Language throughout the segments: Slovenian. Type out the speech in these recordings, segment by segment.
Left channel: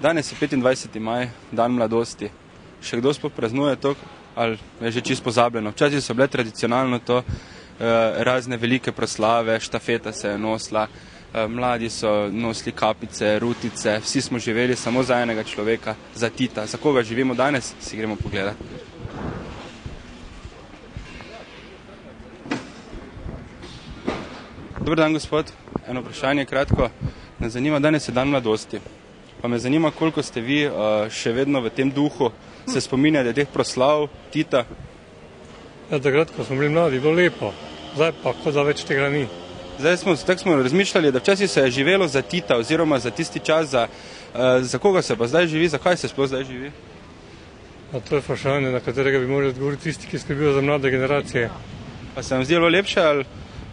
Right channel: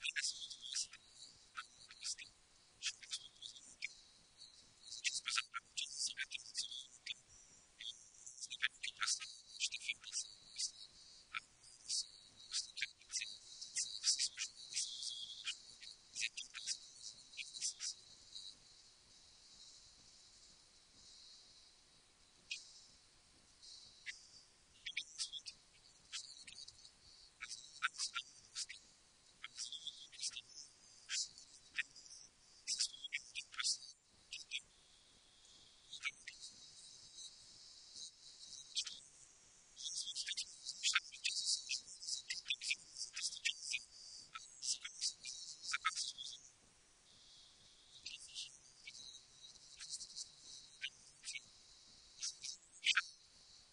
Danes je 25. maj, dan mladosti. Še kdo sploh praznuje to, ali je že čisto pozabljeno? Včasih so bile tradicionalno to razne velike proslave, štafeta se je nosila, mladi so nosili kapice, rutice, vsi smo živeli samo za enega človeka, za Tita. Za koga živimo danes, si gremo pogledati. Dobar dan, gospod. Eno vprašanje kratko. Me zanima, danes je dan mladosti. Pa me zanima, koliko ste vi še vedno v tem duhu, se spominjate teh proslav Tita? Ja, takrat, ko smo bili mladi, je bilo lepo. Zdaj pa, kot da več tega ni. Tako smo razmišljali, da včasih se je živelo za Tita, oziroma za tisti čas, za koga se pa zdaj živi, zakaj se sploh zdaj živi? A to je vprašanje, na katerega bi morali odgovoriti tisti, ki skrbijo za mlade generacije. Pa se vam zdi bilo lepše ali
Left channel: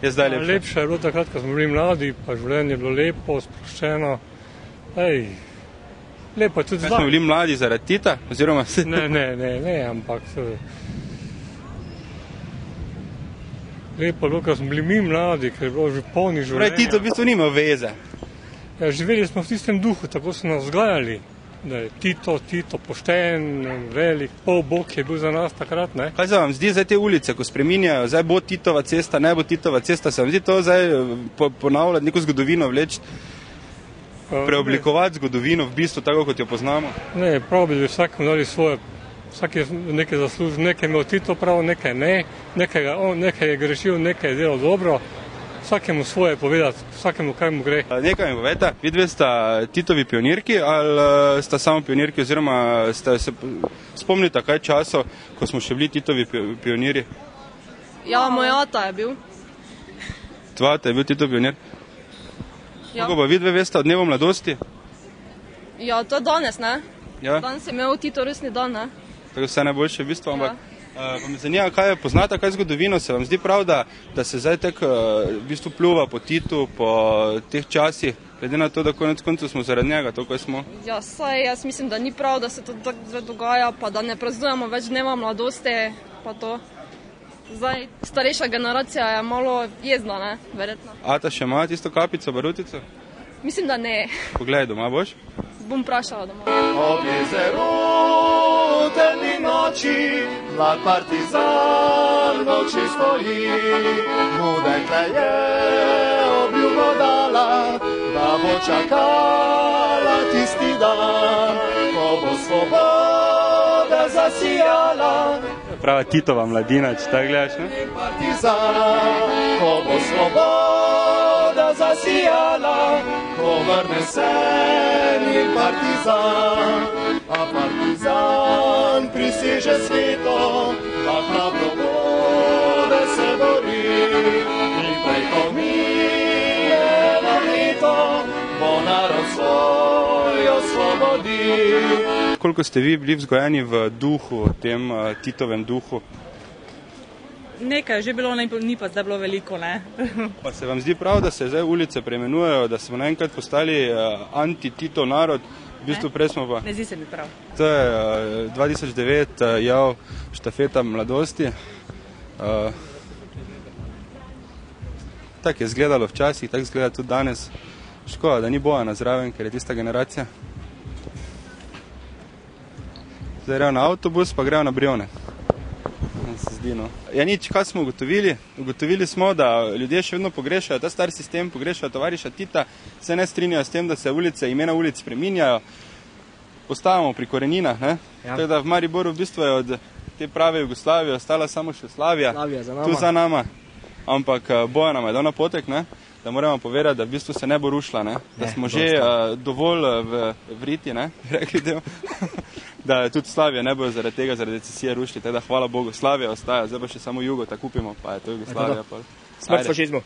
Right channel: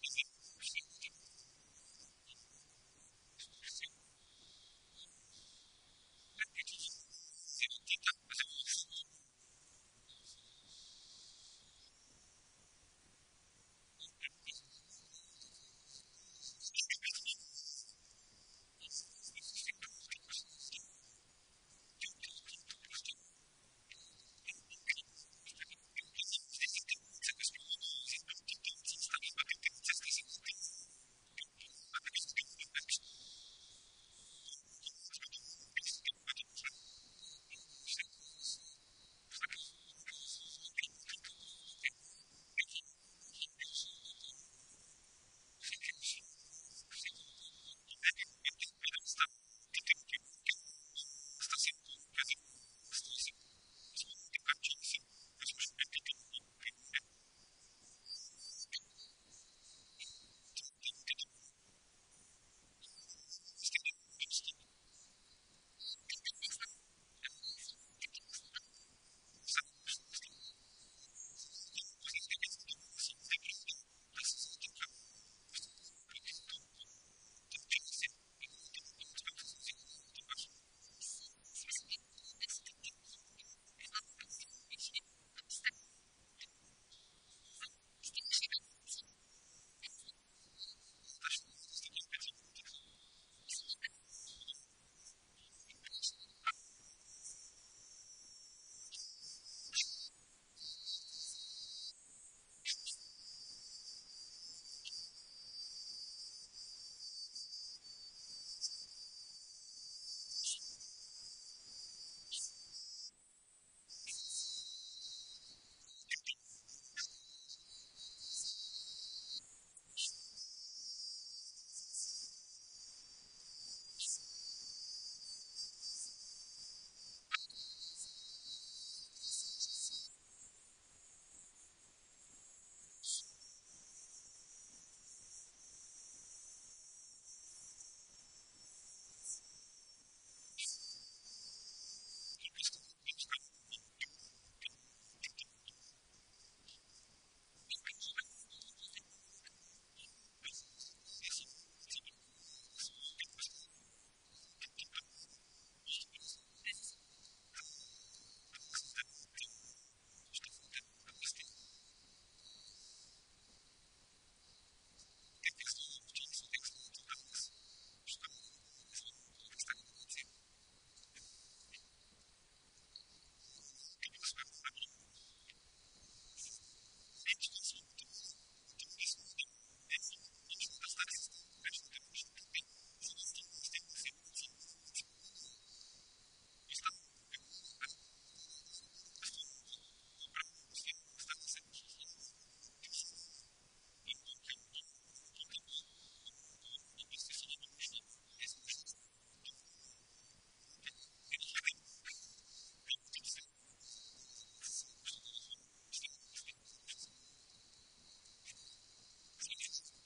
je zdaj lepše? Lepše je bilo takrat, ko smo bili mladi, pa življenje je bilo lepo, sproščeno. Lepo je tudi zdaj. Smo bili mladi zaradi Tita? Oziroma... Ne, ampak... Lepo je bilo, ko smo bili mi mladi, ker je bilo že polni življenja. Pravi, Tito v bistvu nima veze. Ja, živeli smo v tistem duhu, tako so nas vzgajali. Da je Tito pošten, velik, polbog je bil za nas takrat, ne? Kaj se vam zdi zdaj te ulice, ko spreminjajo, zdaj bo Titova cesta, ne bo Titova cesta, se vam zdi to zdaj ponavljati neko zgodovino, vleči, preoblikovati zgodovino v bistvu tako, kot jo poznamo? Ne, prav bi vsakemu dali svoje, vsak je nekaj zaslužil, nekaj imel Tito prav, nekaj ne, nekaj je grešil, nekaj je delal dobro. Vsakemu svoje povedati, vsakemu kaj mu gre. Nekaj mi povete, vidve sta Titovi pionirki ali sta samo pionirki, oziroma ste se spomnite kaj časov, ko smo še bili Titovi pionirji? Ja, moj ata je bil. Tvoj ata je bil Titov pionir? Ja. Kako pa vidve veste o dnevu mladosti? Ja, to je danes, ne? Ja. Danes je imel Tito rojstni dan, ne? Tako vse najboljše v bistvu, ampak... Ja. Pa me zanima, kaj je, poznate kaj zgodovino, se vam zdi prav, da se zdaj tako v bistvu pljuva po Titu, po teh časih, glede na to, da konec koncev smo zaradi njega, to kaj smo? Ja, saj jaz mislim, da ni prav, da se to tako dogaja, pa da ne praznujemo več dneva mladosti, pa to. Zdaj, starejša generacija je malo jezna, ne, verjetno. Ata še ima tisto kapico, barutico? Mislim, da ne. Poglej, doma boš? Bom vprašala doma. Ob jezeru temni noči, mlad partizan v oči stoji. Mu dekle je obljubo dala, da bo čakala tisti dan, ko bo svoboda zasijala. Prava Titova mladina, če tako gledaš, ne? Partizan, ko bo svoboda zasijala, ko vrne se ni partizan, a partizan priseže svetom, da hrabro bude se bori. In prej ko mine eno leto, bo narod svoj osvobodi. Koliko ste vi bili vzgojeni v duhu, tem Titovem duhu? Nekaj je že bilo, ni pa zdaj bilo veliko, ne. Pa se vam zdi prav, da se zdaj ulice preimenujejo, da smo naenkrat postali anti-Titov narod? V bistvu prej smo pa... Ne zdi se mi prav. To je 2009 jav štafeta mladosti. Tako je izgledalo včasih, tako izgleda tudi danes. Škoda, da ni Bojana zraven, ker je tista generacija. Zdaj grejo na avtobus, pa grejo na Brione. Se zdi, no. Ja nič, kaj smo ugotovili? Ugotovili smo, da ljudje še vedno pogrešajo ta star sistem, pogrešajo tovariša Tita, se ne strinjajo s tem, da se ulice, imena ulic spreminjajo. Postavamo pri koreninah, ne? Ja. Tako da v Mariboru v bistvu je od te prave Jugoslavije ostala samo še Slavija. Tu za nama. Ampak Bojan nam je dal napotek, ne? Da moramo povedati, da v bistvu se ne bo rušila, ne? Da smo že dovolj vriti, ne? Rekli del. Da tudi Slavija ne bojo zaradi tega, zaradi recesije rušili, tako da hvala Bogu, Slavija ostaja, zdaj pa še samo Jugo, tako kupimo, pa je to Jugoslavija. Smrt fašizmu.